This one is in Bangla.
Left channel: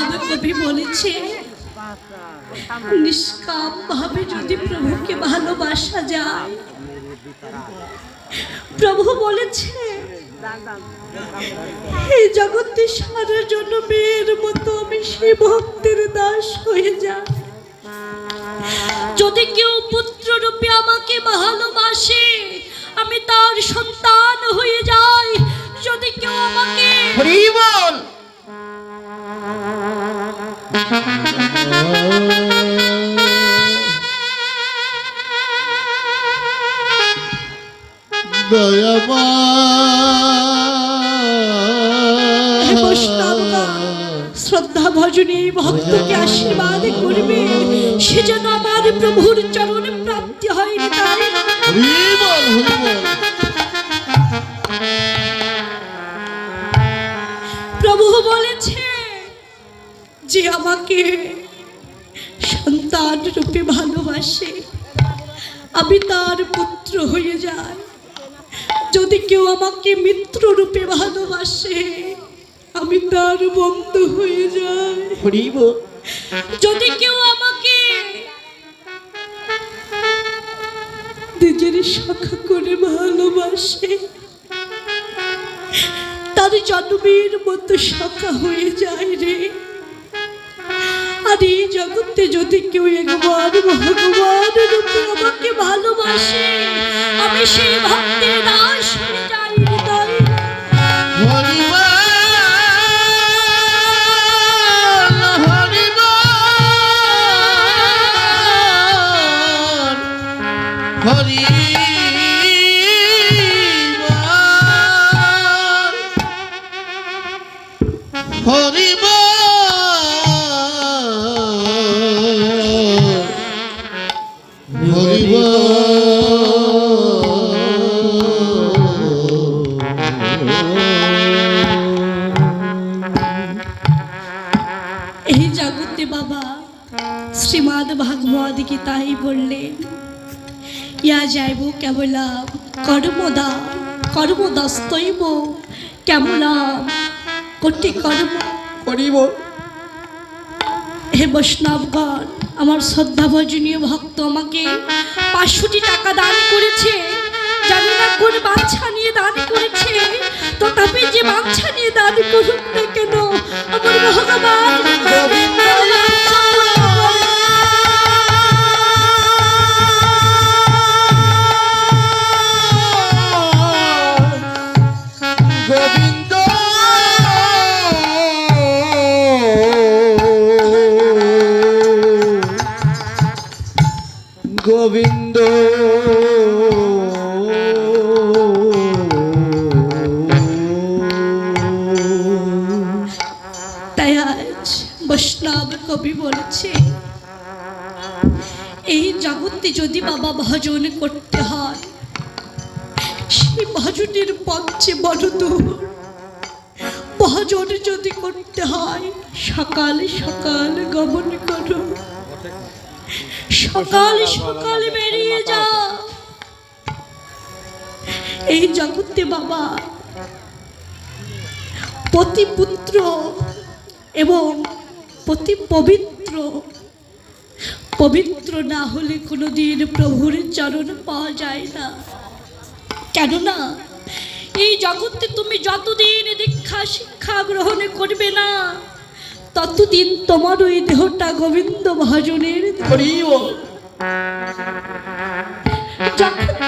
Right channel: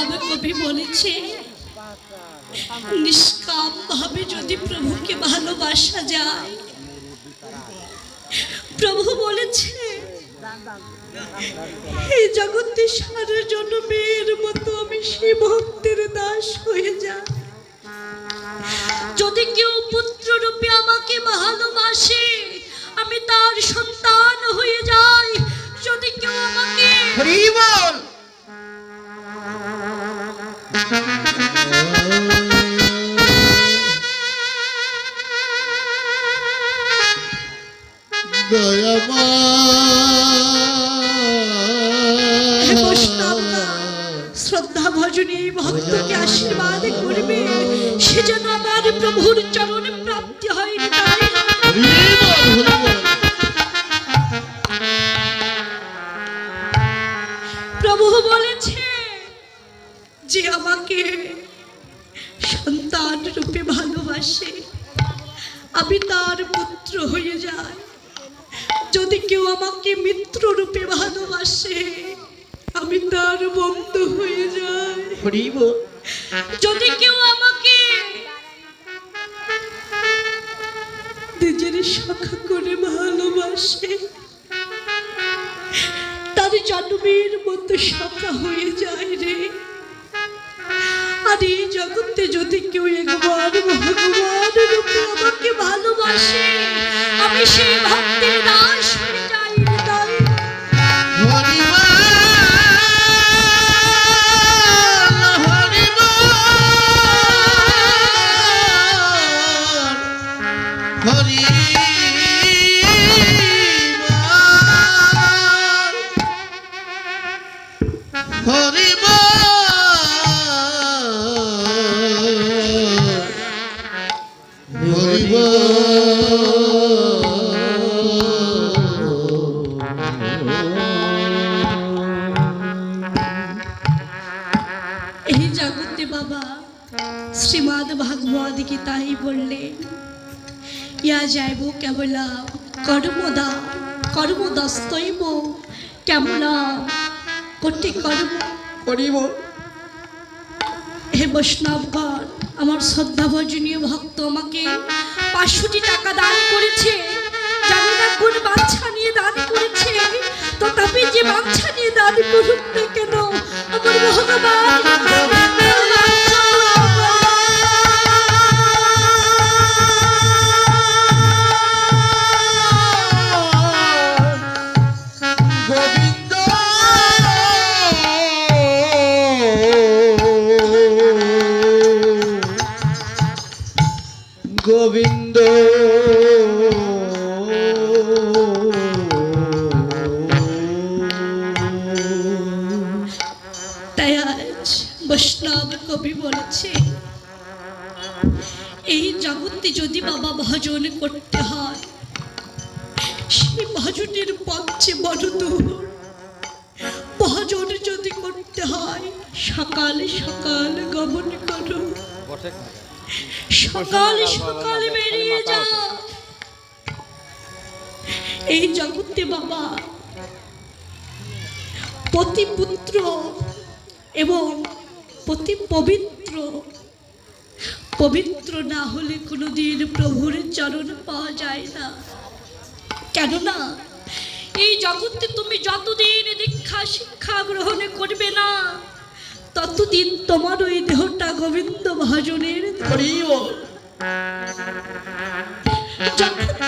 বৈষ্ণব কবি বলেছে, নিষ্কাম ভাবে যদি প্রভুকে ভালোবাসা যায়, প্রভু বলেছে এই জগতে সারা জন্মের মতো আমি সেই ভক্তের দাস হয়ে যাই। যদি কেউ পুত্র রূপে আমাকে ভালোবাসে, আমি তার সন্তান হয়ে যাই। যদি কেউ আমাকে শ্রদ্ধা ভজনে ভক্তকে আশীর্বাদ করবে, সে যেন আমার প্রভুর চরণে প্রাপ্তি হয়। প্রভু বলেছে যে আমাকে সন্তান রূপে ভালোবাসে, আমি তার পুত্র হয়ে যাই। যদি কেউ আমাকে মিত্র রূপে ভালোবাসে, আমি তার বন্ধু হয়ে যাই। যদি কেউ আমাকে নিজের সখা করে ভালোবাসে, তার জন্মের মতো সখা হয়ে যায় রে। আর এই জগতে যদি কেউ একবার ভগবান রূপে আমাকে ভালোবাসে, আমি সেই ভক্তের দাস হয়ে যাই রে। তাই এই জগতে বাবা শ্রীমদ ভাগবত গীতায় বললেন, ইয়া যাইব কেবলা কর্মদা কর্মদস্তৈব কেবলা কোটি কর্ম করিব। হে বৈষ্ণবগণ, আমার শ্রদ্ধা ভজনীয় ভক্ত আমাকে 500টি টাকা দান করেছে। জানি না কোন বাচ্চা নিয়ে দান করেছে, তথাপি যে বাচ্চা নিয়ে দান করুক না কেন, আমার ভগবান গোবিন্দ তাই আজ বৈষ্ণব কবি বলেছে, এই জগতে যদি বাবা ভজন করতে হয়, সেই ভজনের পথে বড় দূর। ভজন যদি করতে হয়, সকাল সকাল গমন করো, সকাল সকাল বেরিয়ে যাও। এই জগতে বাবা পতি পুত্র এবং পতি পবিত্র পবিত্র না হলে কোনোদিন প্রভুর চরণ পাওয়া যায় না। কেননা এই জগতে তুমি যতদিন দীক্ষা শিক্ষা গ্রহণ করবে না, ততদিন তোমার ওই দেহটা গোবিন্দ ভজনের। যখন